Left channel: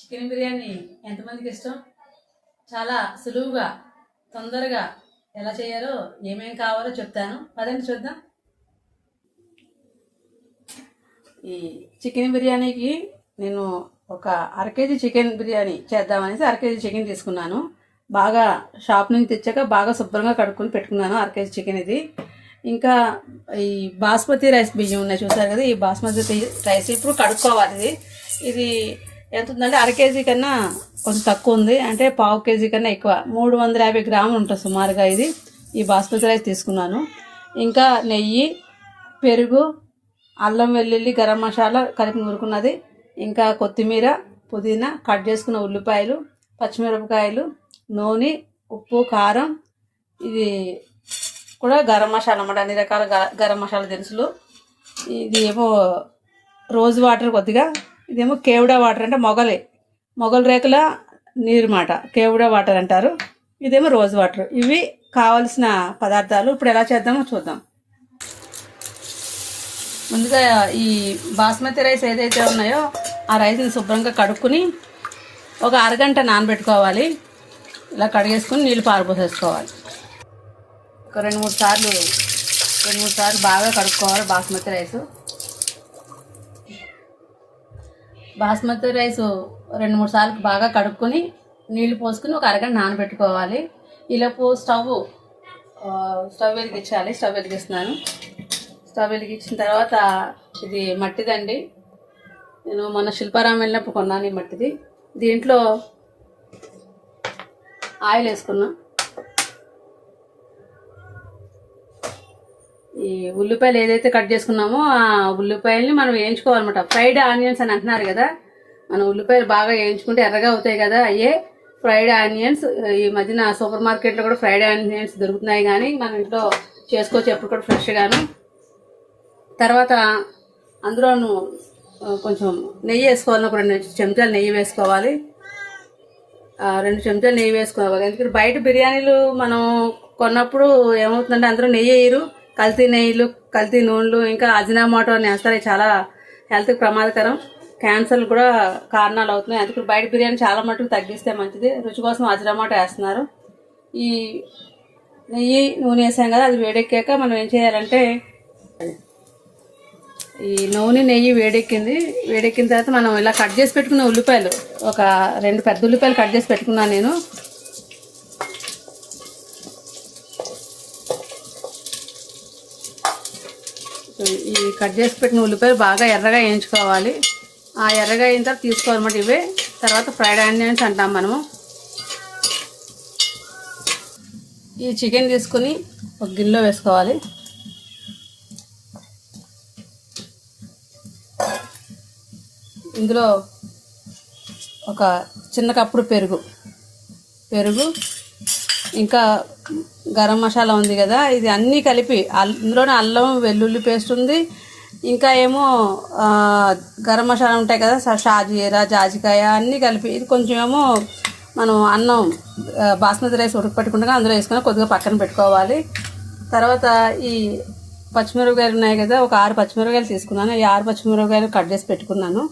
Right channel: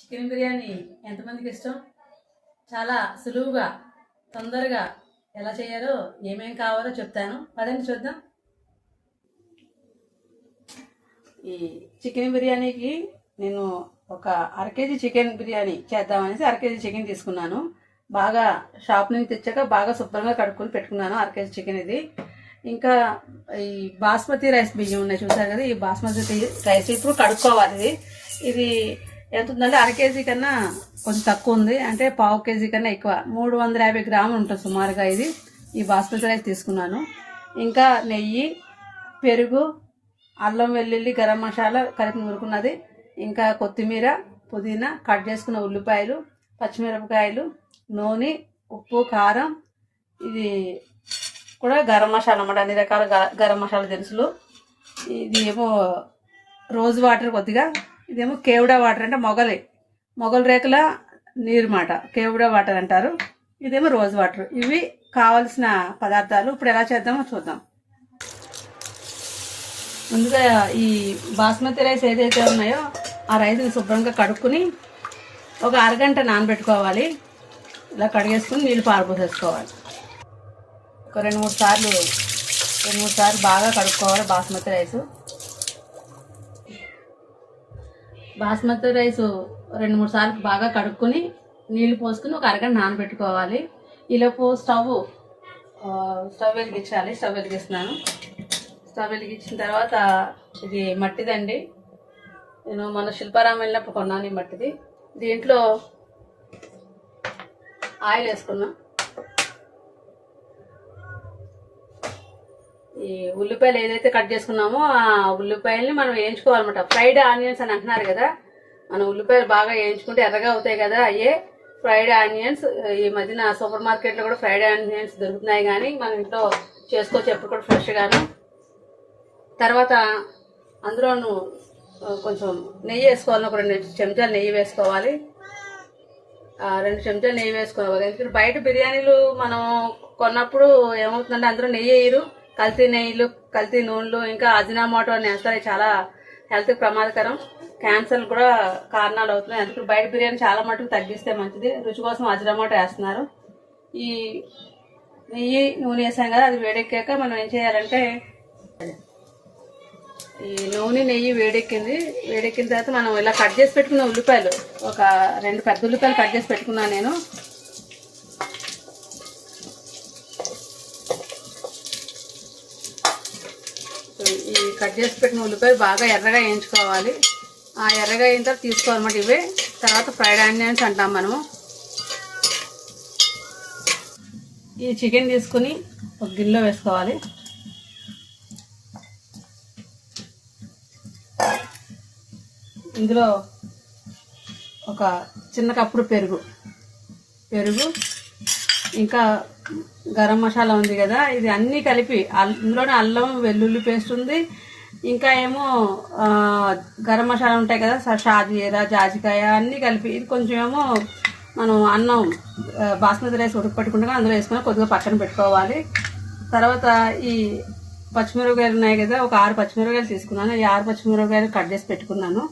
Chicken biryani ఎంతమందికి ఇష్టం? చాలా సులువుగా తొందరగా ఎలా చేయాలో ఏమేం కావాలో చెప్తాను. పదండి చూద్దాం. ఈ చికెన్ బిర్యానీకి నేను ఒక అర కేజీ చికెన్ బిర్యానీ చేద్దామనేసి అర కేజీ చికెన్ తీసుకున్నాను. బాగా షాప్ నుంచి తెచ్చాక బాగా శుభ్రంగా కడుక్కొని పెట్టుకున్నాను అర కేజీ చికెన్ ఇది. ఇంకా ఈ బాస్మతి రైస్ బియ్యం ఉన్నాయి చూసారు కదా ఈ బాస్మతి రైస్ ఇప్పుడు కడుక్కోవాలి. ఇది ఎంత ఉందంటే అర కేజీ కన్నా కొంచెం తక్కువ ఉంది. అంటే పావు కేజీ కన్నా ఎక్కువ. మూడు వందల యాభై గ్రాములు ఉంటుంది సుమారుగా ఇది. ఈ బాస్మతి రైస్ తీసుకున్నాను. ఇంకా నెయ్యి పెరుగు అల్లం వెల్లుల్లి గరం మసాలా కలిపి నూరుకున్నది. ఇంకా కొత్తిమీర పుదీనా కట్ చేసుకున్న ఉల్లిపాయలు పచ్చిమిరపకాయలు నూనె ఉప్పు కారం. ఇది కూడా గరం మసాలా అన్నమాట. అన్ని రకాల గ- గరం మసాలా దినుసులు. ఇది ఏమో రోజ్ వాటర్ కొద్దిగా ఇదేమో కేవడా వాటర్ అంటే మొగలే. మొగల రేకుల నీరు మాట కేవడా వాటర్ అంటారు. ఇదేమో రోజ్ వాటర్. ఇవి కావలసిన పదార్థాలు ఇప్పుడు ఎలా చేద్దామో చూద్దాం. ముందుగా ఈ బాస్మతి రైస్ ఏదైతే ఉన్నాయో ఆ రైస్ని శుభ్రంగా కడుక్కుని ఒక అరగంట నానబెట్టుకోవాలి. ఇలా కడిగేసుకుని నీళ్ళు పారబోసేసుకోవాలి. ఒక రెండు మూడు సార్లు రెండు మూడు సార్లు బాగా కడుక్కోవాలి బాస్మతి రైస్. బాస్మతి రైస్ రెండు మూడు సార్లు బాగా కడుక్కొని నీళ్ళు పోసుకుని ఒక అరగంట నానబెట్టుకోవాలి. ఈలోపు స్టవ్ స్టవ్ వెలిగించాలి. స్టవ్ వెలిగిస్తున్నాను. స్టవ్ వెలిగించిన తర్వాత ఇది మట్టిదండి. నేను మొన్న శిల్పారామం వెళ్ళినప్పుడు కొన్నాను ఈ మట్టిది. దీంట్లో ఆయిల్ వేసుకున్నాం. ఈ ఉల్లిపాయలు ఏదైతే కట్ చేసుకున్నామో ఆ ఉల్లిపాయల్ని మనం వేయించుకోవాలన్నమాట. ఫ్రైడ్ ఆనియన్స్ అని అంటున్నారు కదా మనం ఉల్లిపాయలు బాగా వేయించుకుంటే ఎర్రగా అవుతాయి కదా అయ్యే ఫ్రైడ్ ఆనియన్స్ ఈ మధ్యన సూపర్ మార్కెట్లో కూడా ఫ్రైడ్ ఆనియన్స్ దొరుకుతున్నాయి కానీ మనం ఇంట్లో చేసుకోవచ్చు ఎప్పుడు కూడా ఫ్రెష్గాను. తర్వాత అందులోను కొంచెం నెయ్యి వేసుకోవాలి ఒక రెండు చెంచాలు నెయ్యి వేసుకోవాలి. ఆ, రెండు చెంచాలు నెయ్యి వేసుకోవాలి. ఎందుకంటే బయట బిర్యానీలు మనం కొన్నప్పుడు ఏమవుతుందంటే అందరూ నెయ్యి వేయరు. కల్తీ నెయ్యిలు కల్తీ నూనెలు ఇంకా అజినామోటో అని వేస్తారు. చాలా హెల్త్కి ప్రమాదకరం. క్యాన్సర్ కూడా కారణాలు అవుతున్నాయి. అందుకే బయట బిర్యానీ చాలా మటుకు తగ్గిస్తే మంచిది. రుచి కోసం అజినామోటో వేస్తున్నారు. ఈ నెయ్యి నూనె వేసాం కదా అది వేడెక్కాక మనం ఏం చేయాలంటే ఈ నూనె నెయ్యి వేడెక్కింది. వేడెక్కిన తర్వాత మనం ఇలా కట్ చేసి పెట్టుకున్న ఉల్లిపాయలు ఒక రెండు పెద్ద ఉల్లిపాయలు కట్ చేసి పెట్టుకున్నాను నేను. ఈ కట్ చేసి పెట్టిన ఉల్లిపాయలు బాగా ఎర్రగా వేయించుకోవాలి. ఆ ఎర్రగా అయిన తర్వాత తీసుకోవాలన్నమాట ఇవే. తర్వాత ఫ్రైడ్ ఆనియన్స్ అంటాం మనము. ఈ చికెన్ తీసుకుని ఒక గిన్నెలో వేసుకోవాలి. ఇందులో ఒక చిన్న కప్పుడు పెరుగు. పెరుగు ఇంకా గరం మసాలా ఉంది కదా ఇది అన్నీ కలిపి అల్- ఇందులోనే అల్లం వెల్లుల్లి పేస్ట్ ఉంది. ఇంకా ఏమో గరం మసాలా ఉంటాయి కదా స- షాజీరా జాజికాయ అన్నీ కలిపి ఇది కొంచెం ఏమో మనం అన్నం బాస్మతి రైస్ ఉడకపెట్టుకుంటా అందులో వేసుకొని కొద్దిగా పక్కన పెట్టుకోవాలి. తర్వాత ఈ పచ్చిమిరపకాయలు ఉన్నాయి కదా ఒక ఆరు పచ్చిమిరపకాయలు తీసుకున్నాను. ఈ ఆరు పచ్చిమిరపకాయలు కట్ చేసి పెట్టుకున్నాను.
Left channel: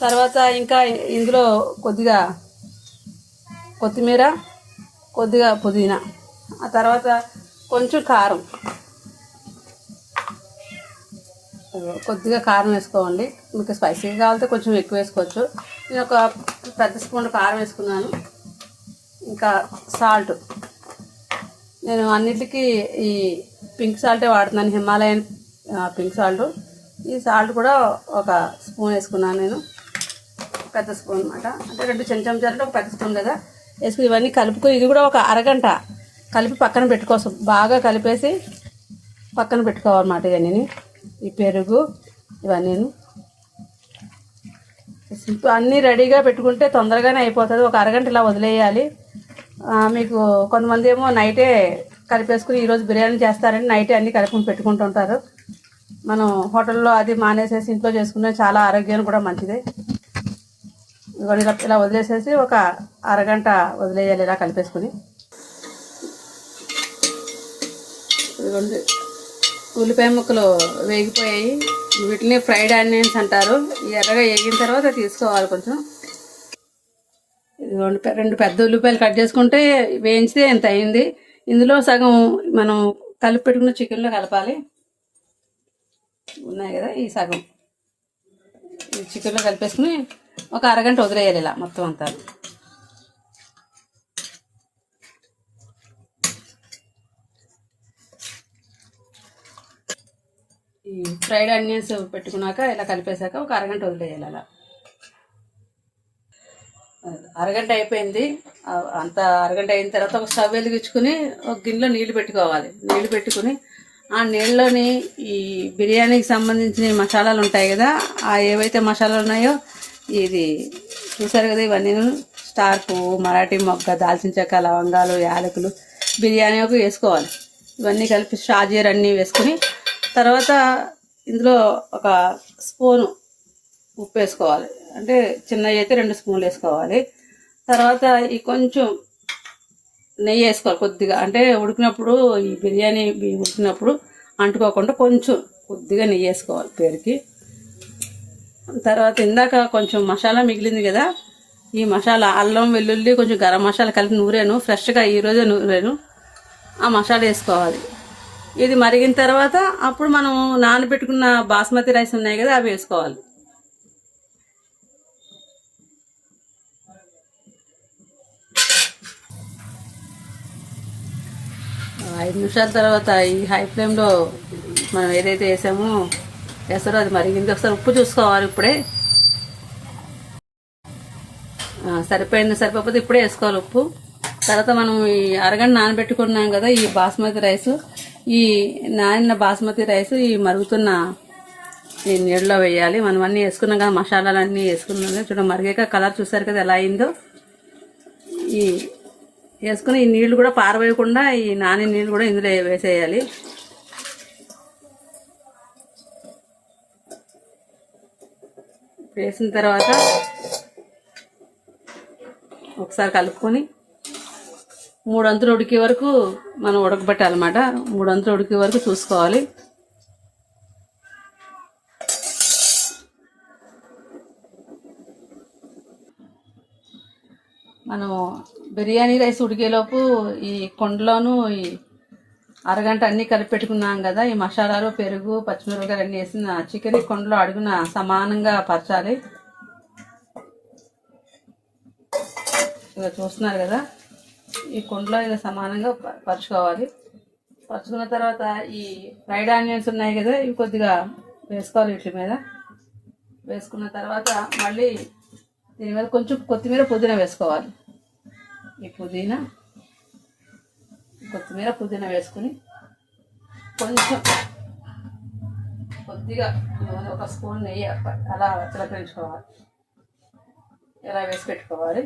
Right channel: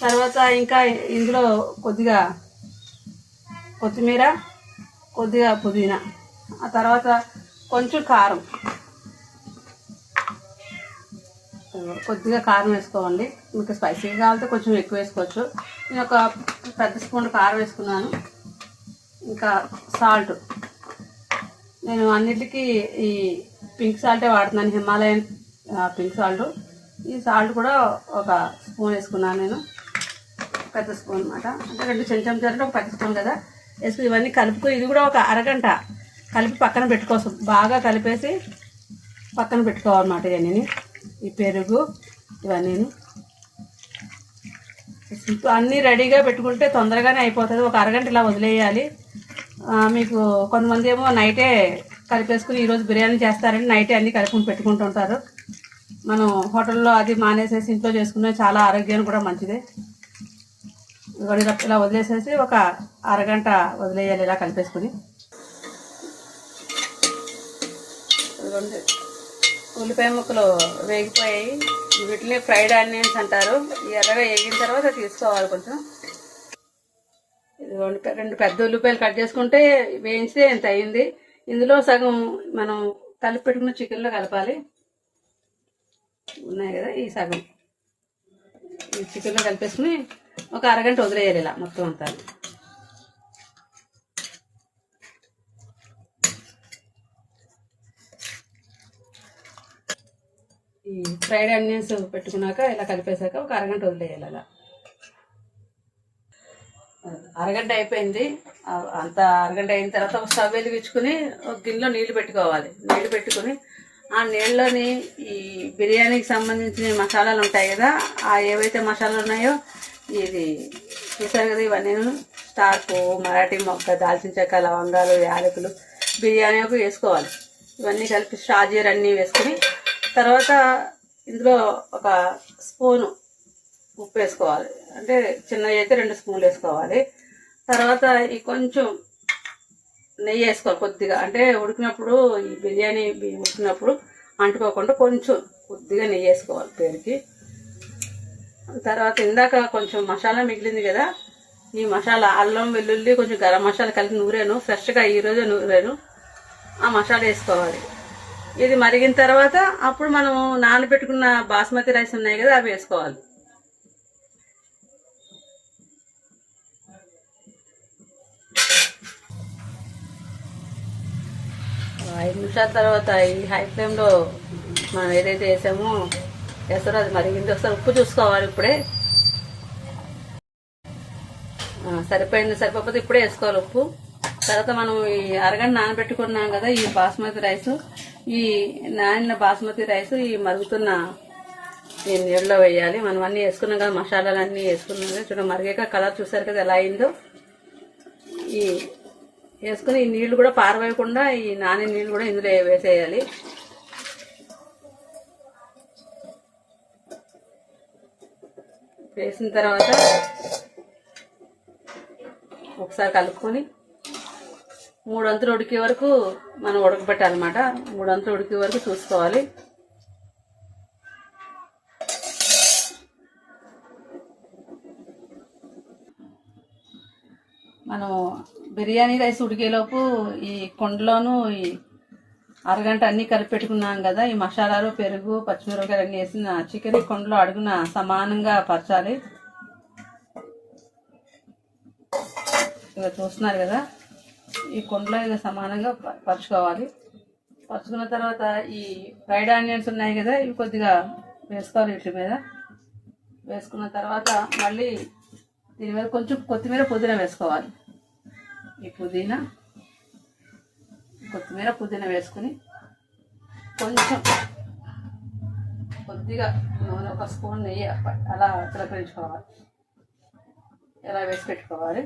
తర్వాత ఇంకా ఇందులో కొద్దిగా కొత్తిమీర కొద్దిగా పుదీనా. ఆ తర్వాత కొంచెం కారం. కొద్దిగా కారం వేసుకోండి. మీకు స్పైసీగా కావాలంటే కొంచెం ఎక్కువ వేసుకోవచ్చు. నేను ఒక పెద్ద స్పూన్ కారం వేసుకున్నాను. ఇంకా సాల్ట్. నేను అన్నిటికీ ఈ పింక్ సాల్టే వాడుతున్నాను. Himalayan pink salt. ఈ సాల్ట్ కూడా ఒక స్పూన్ వేసుకున్నాను నేను. పెద్ద స్పూన్ అనమాట అంటే రెండు చెంచం అంటే ఒక పెద్ద స్పూన్ కదా. వేసుకుని ఇవన్నీ కలుపుకుని ఇది కూడా ఒక అరగంట కలిపి పక్కన పెట్టుకోసం. బాగా కలిపేసి పక్కన పెట్టుకోవాలన్నమాట ఇవన్నీ ఈ పెరుగు ఇవన్నీ అన్నీ రెడీగా పెట్టుకుంటే తొందరగానే అయిపోతుంది. ఒక అరగంట ఇలా వదిలేయాలి. మీకు కొంతమంది ఏమో నైటే కలిపేసుకుని ఈరోజు బిర్యానీ చేస్తారని నైటే అన్నీ కలిపి పెట్టుకుంటుంటారు మనం హోటల్లో అది మానేసేసి ఇంట్లో చేసుకునే చాలా ఆరోగ్యానికి కూడా మంచిదే. ఇలా వదిలేసేసి ఒక అరగంట వదిలేయాలి ఇలా కలిపేసుకుని. రెండు ఉల్లిపాయ ముక్కలు వేగిపోయాయి. వీటిని ఫ్రైడ్ ఆనియన్స్ అంటారు. ఎర్రగా వేగిన తర్వాత తీసుకోవాలి కొంచెం. ఇదిగోండి రెండు పెద్ద ఉల్లిపాయలు కట్ చేసుకుంటే వేయించితే ఎంత అయింది? ఇందులో సగం మనం కలిపి పెట్టుకున్న చికెన్లో కలపాలి. ఉన్నాయి కదా ఈ సగం. ఈ చికెన్లో కలిపేసుకుని ఒక అరగంట వదిలేయాలి ఇలా మొత్తం అంతా. ఈ ఫ్రైడ్ ఆనియన్స్ పెట్టుకున్నాక ఇలా కలిపేశాక ఒక అరగంట వదిలేయాలి అలా. అరగంట అయిపోయింది. అంత అరగంట అయిన తర్వాత ఒక స్టవ్ వెలిగించుకుని ఒక గిన్నెలో నీళ్ళు పెట్టుకోవాలి. నీళ్ళు పెట్టుకుని ఆ నీళ్ళలోని ఈ బిర్యానీకి సంబంధించిన మసాలాలు ఉంటాయి కదా ఆ ఏవైతే మసాలాలు ఉన్నాయో ఇది చూసారు కదా ఇవన్నీ స్టార్ పువ్వు మరాఠీ మొక్క దాల్చిన చెక్క లవంగాలు యాలకులు బిర్యానీ ఒక వేసుకోవాలి. ఇవన్నీ కలిపి షాజీర్ అన్నీ వేసుకుని తర్వాత ఇందులో ఒక స్పూను ఉప్పు వేసుకోవాలి. అంటే చిన్నవి అయితే రెండు స్పూన్లు వేసుకోవాలి. తర్వాత ఈ కొంచెం నెయ్యి వేసుకోవాలి కొద్దిగా. అంటే ఉడికినప్పుడు ఈ బిర్యానీ ఉడికినప్పుడు అంటుకోకుండా కొంచెం కొద్దిగా నెయ్యి వేసుకోవాలి పేరుకి. తర్వాత ఇందాక కొంచెం మసాలా మిగిలింది కదా ఈ మసాలా అల్లం వెల్లుల్లి కొంచెం గరం మసాలా కలిపి నూరాను ఫ్రెష్గా ఈరోజే నూరాను ఆ మసాలా వేసుకోవాలి. ఇది మరిగిన తర్వాత అప్పుడు మనం నానబెట్టుకున్న బాస్మతి రైస్ ఉన్నాయి కదా అవి వేసుకోవాలి. ఐదు నిమిషాల తర్వాత ఈ హై ఫ్లేమ్లో మనం ఏదైతే వేసామో వేస్తారో అది మరిగింది. ఒకసారి ఉప్పు చూసుకోవాలి ఇప్పుడే. సరిపోయింది సరిపోతే ఇప్పుడే వేసుకోవాలి ఉప్పు. తర్వాత మనం ఈ అరగంట నానబెట్టుకున్నాం కదా ఈ బాస్మతి రైస్. ఈ నానిన బాస్మతి రైస్ ఈ మరుగుతున్న ఈ నీళ్ళలో వేయాలి. మనం అన్నీ వేసుకున్నాం కదా మసాలాలు అన్నీ వేసుకున్నాం కదా. చూడండి మరిగాక కలర్ చూసారు కదా ఎలా అయిందో. ఈ వేసుకుని ఈ నీళ్ళు కూడా పారవేయకుండా ఈ నాని నీళ్ళు కూడా ఇందులో వేసేయాలి. వేసిన తర్వాత ఒకసారి కలుపుకొని మూడు అంతులు ఉడికే వరకు మనం ఉడకబెట్టాలన్నమాట. మూడొంతులు ఉడికే వరకు చూసుకోవాలి. మనం బిర్యానీ రైస్ ఉడికేలోపు ఈ కొండలోనూ ఈ అరగంట అన్నీ కలిపి పెట్టుకున్నాం కదా ఈ మసాలాలు పెరుగు పచ్చిమిరపకాయలు అన్నీ వేసిన చికెన్ ఈ కొండలో అడుగున సమానంగా పరచాలి. ఇక చూస్తున్నారు కదా? ఈ కొండలో ఇక సమానంగా పరుచుకోవాలి. పరుచుకున్న తర్వాత ఈ ఫ్రైడ్ ఆనియన్స్ ఉన్నాయి కదా ఇవి కొద్దిగా వేసుకోవాలి వీటి మీద. వేసుకున్న తర్వాత మళ్ళీ దీని మీద కొంచెం కొత్తిమీర పుదీనా వేసుకోవాలి. ఈ పుదీనా కొత్తిమీర పుదీనా వేసుకుని కొంచెం కొద్దిగా నూనె ఒక స్పూన్ నెయ్యి అలా చిలకరించుకోవాలి ఇలా వేసి పెట్టుకోవాలి?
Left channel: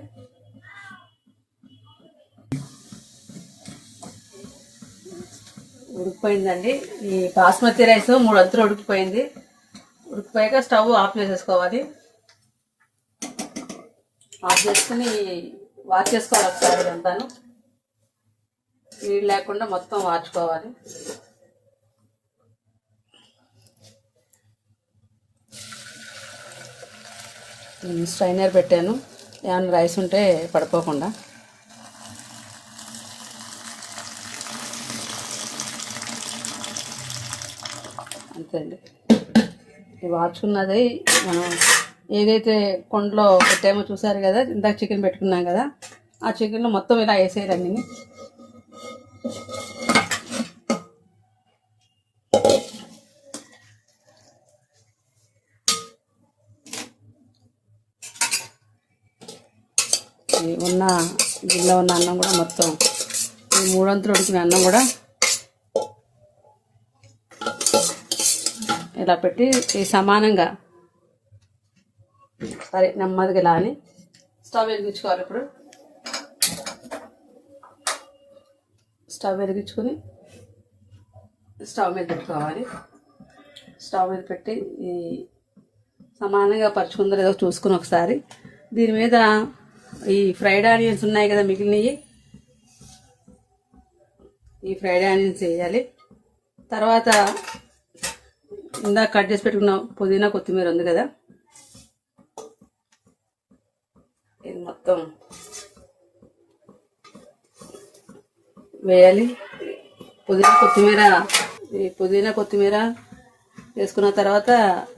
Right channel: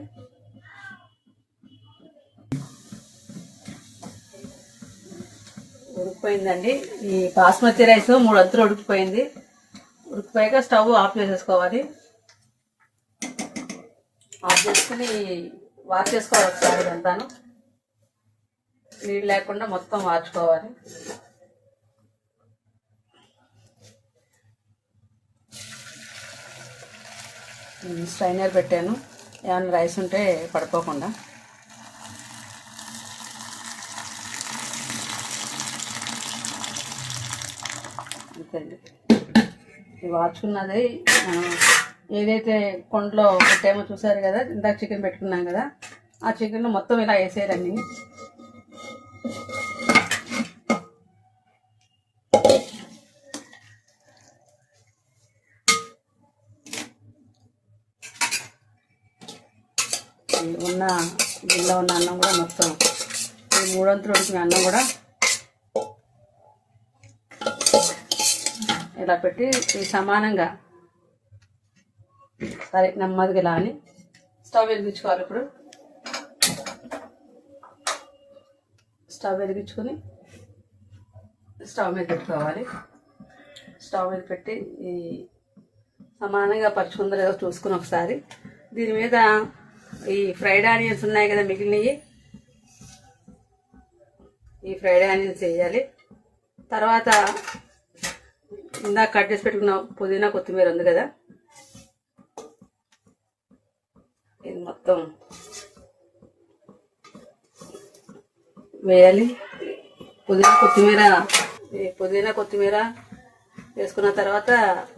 ఉడికిపోయిందండి. ఈ బాస్మతి రైస్ మూడు అంతులు ఉడికిపోయింది. ఉడికిపోయాక స్టవ్ ఆఫ్ చేసేసుకోవాలి. ఆఫ్ చేసుకుని వాష్ చేసుకోవాలి ఒకసారి ఇదంతాను నీళ్ళు లేకుండా మొత్తం వార్చుకోవాలి. స్ట్రైనర్ పెట్టాను. ఏమైనా రైస్ ఉంటే పడిపోకుండా అంతే అండి ఇది ఏదైతే కొండలో పెట్టామో చూసారు కదా ఇందాక చికెన్ పెట్టుకున్నాం కదా ఆ చికెన్ మొత్తం ఇలా వేసేయాలండి ఈ ఉన్న గిన్నె ఉన్న అన్నం కూడా మొత్తం ఈ మూడొంతులు ఉడికిన అన్నం కూడా ఇలా పెట్టి ఈ సమానంగా. సరే నెమ్మదిగా ఇలా అని. స్టవ్ వెలిగించుకోవాలి ఇప్పుడు. స్టవ్ వెలిగించుకొని స్టవ్ మీద పెట్టుకోవాలి. స్టవ్ మీద పెట్టి ఈ సమానంగా పరుచుకుందో లేదో చూసుకుని ఒకసారి. దీని మీద ఈ ఫ్రైడ్ ఆనియన్స్ ఉన్నాయి కదా మిగిలినవి. ఈ ఫ్రైడ్ ఆనియన్స్ వేయాలి. తర్వాత ఇందాక కట్ చేసి పెట్టుకున్న పుదీనా కొత్తిమీర ఉంది కదా? ఇది మొత్తం వేయాలి. పుదీనా కొత్తిమీర ఈ పుదీనా కొత్తిమీర వేసుకున్న తర్వాత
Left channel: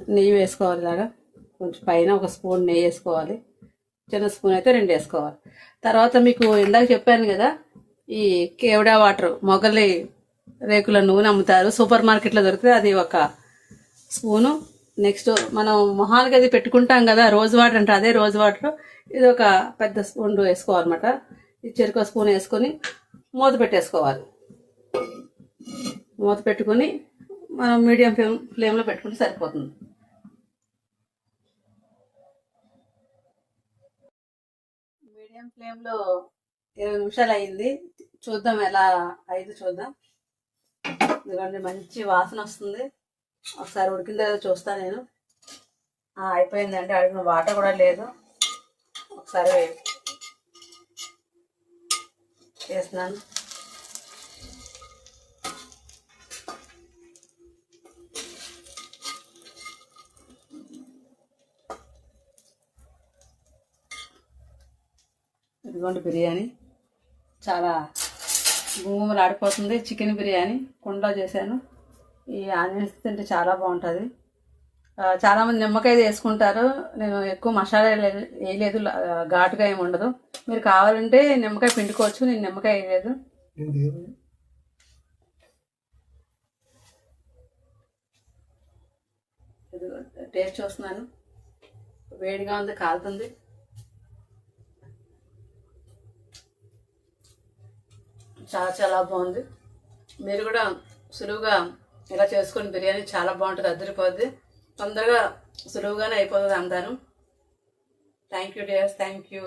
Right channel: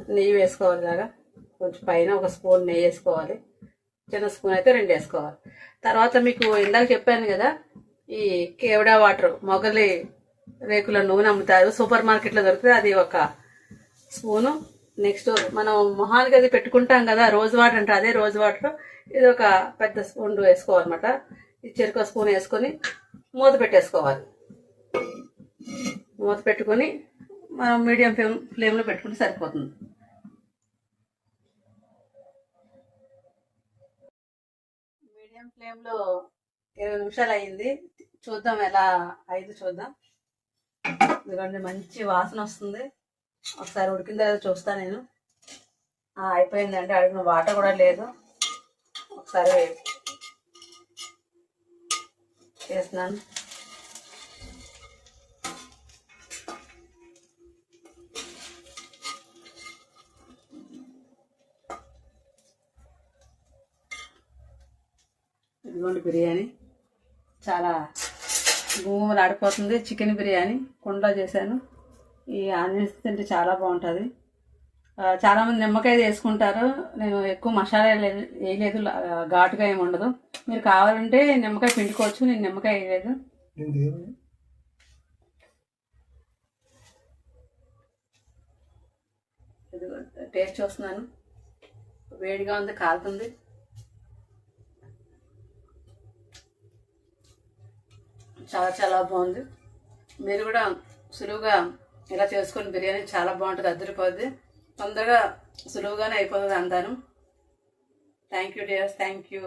నెయ్యి వేసుకోవాలి ఇలాగా. కొంచెం పైన ఒక స్పూన్ నెయ్యి వేసుకోవాలి. చిన్న స్పూన్ అయితే రెండు వేసుకోవాలి. తర్వాత మీకు ఇందాక చెప్పాను కదా ఈ కేవడా వాటర్ మొగలి రేకుల నూనె అమ్ముతారు. సూపర్ మార్కెట్లో దొరికితే అది ఒక స్పూను. నెక్స్ట్ మనం మొహానికి అది పెట్టుకుంటాం కదా రోజ్ వాటర్ అంటే అదే రోజ్ వాటర్. ఇది ఒక పెద్ద స్పూన్ వేసుకోవాలన్నమాట. ఈ చెరుకు స్పూన్ వేసుకొని మూత పెట్టేసుకోవాలి. మూత పెట్టుకొని మనం మీడియం ఫ్లేమ్ ఫ్లేమ్లో పెట్టుకుంటే సరిపోతుంది. మీడియం ఫ్లేమ్లో ఇరవై నిమిషాలు అయింది. చూద్దాం ఎలా అయింది చూద్దాం. ఇదిగోండి మంచి వాసన వస్తుంది. ఒకసారి ఉడికిన తర్వాత చూస్తా నేను. అయిపోయిందండి. అడిగిన వాటర్ కూడా లేదు. ఒకసారి వేస్తున్నాను ఇదిగోండి బిర్యానీ. చాలా భూములు ఆడిపోతుంది చికెన్ బిర్యానీ. కుండలో చేశాను. ఈ ఆనియన్స్ తింటే చాలా బాగుంటుంది. చాలామంది నిమ్మకాయ వేసుకుంటారు నేను ఎక్కువ మసాలా వేయలేదు- వేయలేదు ఘాటుగా ఏమి ఉండదు. మీరు కావాలంటే నిమ్మకాయ పిండుకోవచ్చు. నేను నిమ్మకాయ వేయలేదు టేస్ట్ చూస్తున్నాను. వేడిగా ఉంది కాలుతుంది. చాలా చాలా బాగుంది. మీరు కూడా సులువుగా ఇలా చేసుకుని బిర్యానీ చాలా బాగుంటుంది అద్దరిపోద్ది. తొందరగా సులువుగానే అయిపోతుంది అంతాను. Thank you dears thank you